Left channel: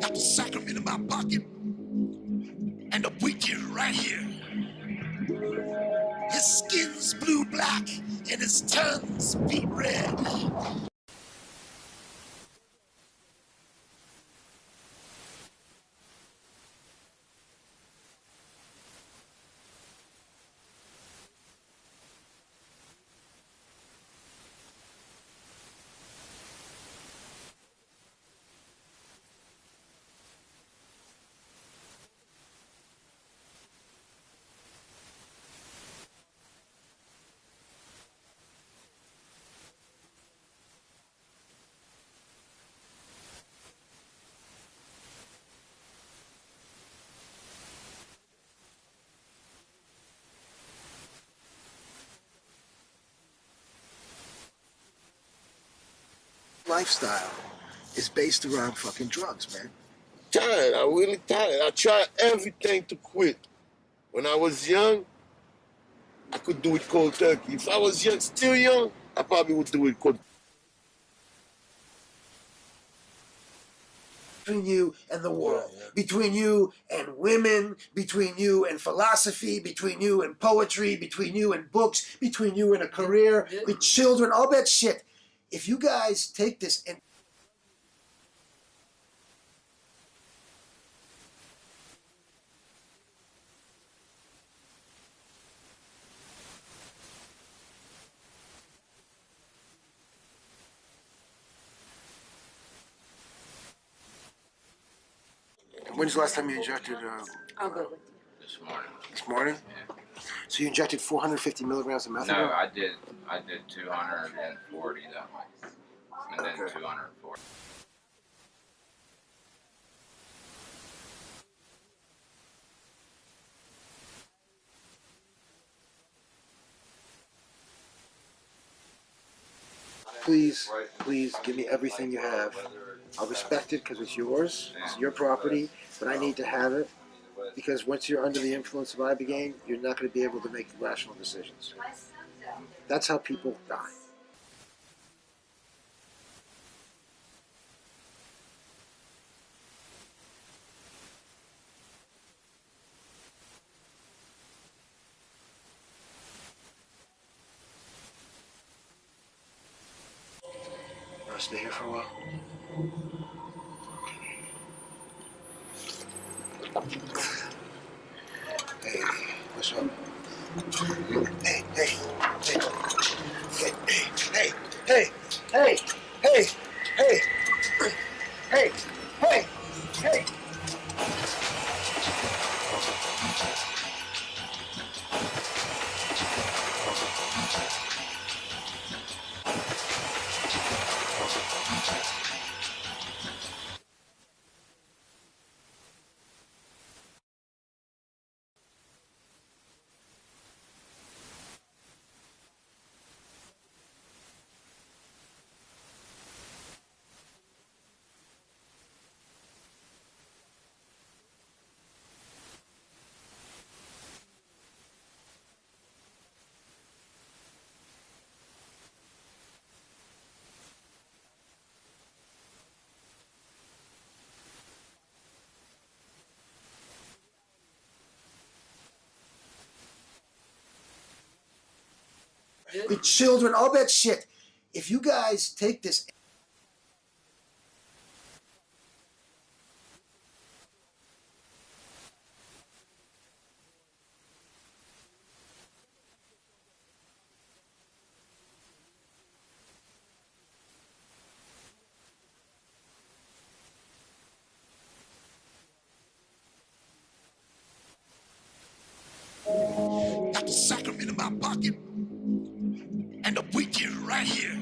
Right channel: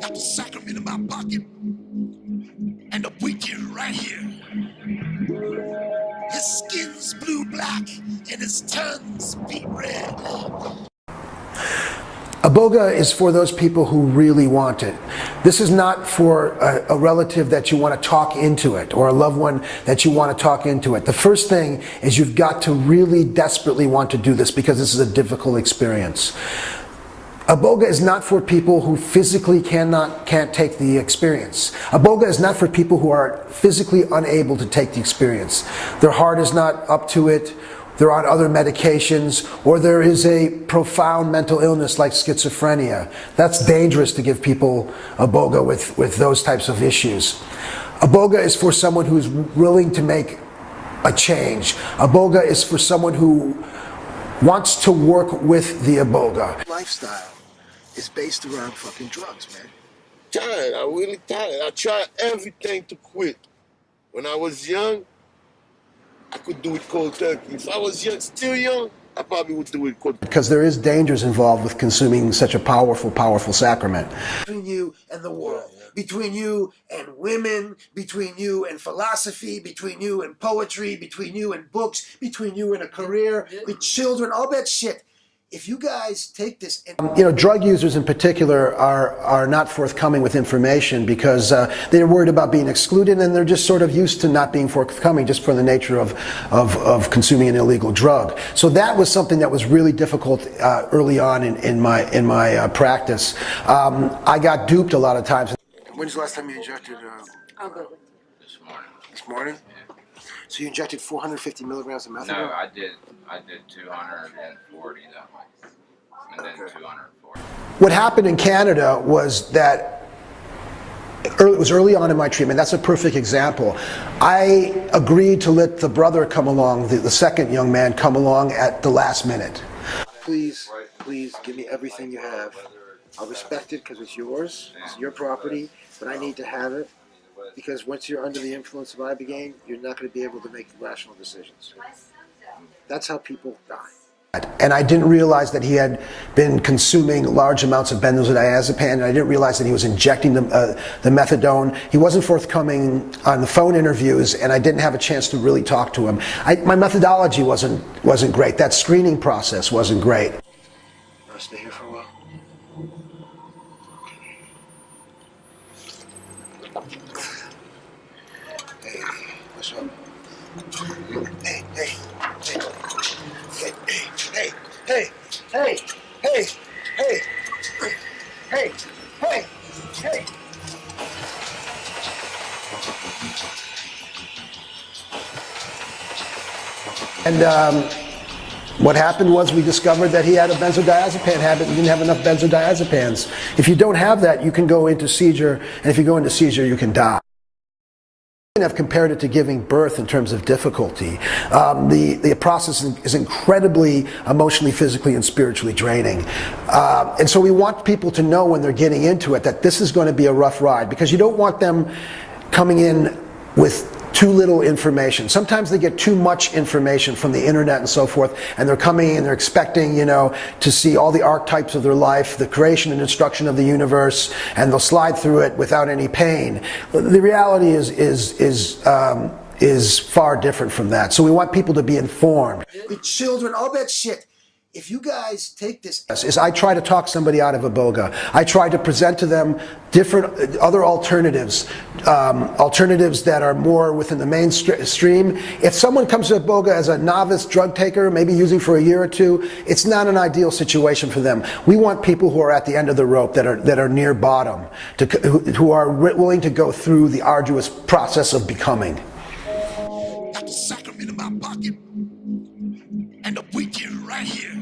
Got the sacrament in my pocket, and the weekend right here. His skin's blue-black, and his tongue's beet red. Iboga is for those people who really want it. This is not for a relative that you want to talk into it, or a loved one that you want to talk into it. The first thing is you've got to really desperately want to do this, because this is a difficult experience. Iboga is not for people who physically can't take the experience. Iboga is not for people who are physically unable to take the experience. Their heart is not up to it, they're on other medications, or there is a profound mental illness like schizophrenia. That's dangerous to give people Iboga with those types of issues. Iboga is for someone who's willing to make a change. Iboga is for someone who wants to work with the Iboga. Lifestyle is based around fucking drugs, man. Tired, I'm really tired. I tried everything to quit. When I was young, I could do it cold turkey. If I was young, still young, I probably would do it cold. Because there is dangers involved with consuming such a powerful, powerful sacrament. Between you and the world, between you and women, between you and philosophy, between you and poetry, between you and books, between you and a career, with children, all that shit. If you guys take this, and drug users in particular are not forthcoming with information because they're worried about being excluded, and they're just sort of used to not being forthcoming just for the nature of consuming an illegal drug. So that was something that was really difficult early on in my practice. I got duped a lot of times. When's the last time you injected? I'll go. This morning. This morning? Yeah. So you injected 450 milligrams of methadone? No, I did 240 that way, and then 240. What happened in Canada was that it was early on in my treatment. That's a perfect example. I agreed to let the brother come along, the second young man come along at the last minute. Please give me everything you have. I'll respect it because it's yours, it's your property, but I need to have it, because once you're under the influence of Ibogaine, you're not going to be able to make rational decisions. That's how people die. And I didn't realize that he had been consuming large amounts of benzodiazepine, and I didn't realize that he was injecting the methadone. He wasn't forthcoming on the phone interviews, and I didn't have a chance to really talk to him. My methodology wasn't great. That screening process wasn't great. Want to stay here for a while? Hey, what's up? Hey, hey, hey, hey, hey, hey, hey, hey, hey, hey, hey, hey. And what happened was we discovered that he had a benzodiazepine habit. He didn't have enough benzodiazepines. If you don't have that, you can go into seizure, and if you go into seizure, you can die. I've compared it to giving birth in terms of difficulty. The process is incredibly emotionally, physically, and spiritually draining. And so we want people to know when they're getting into it that this is going to be a rough ride, because you don't want them coming in with too little information. Sometimes they get too much information from the internet and so forth, and they're coming and they're expecting, to see all the archetypes of their life, the creation and destruction of the universe, and they'll slide through it without any pain. The reality is far different from that. So we want people to be informed. The children, all that shit. If you guys take this, I try to talk somebody out of Iboga. I try to present to them different other alternatives, alternatives that are more within the mainstream. If someone comes to Iboga as a novice drug taker, maybe using for a year or two, it's not an ideal situation for them. We want people who are at the end of the rope, that are near bottom, who are willing to go through the arduous process of becoming. Got the sacrament in my pocket, and the weekend right here.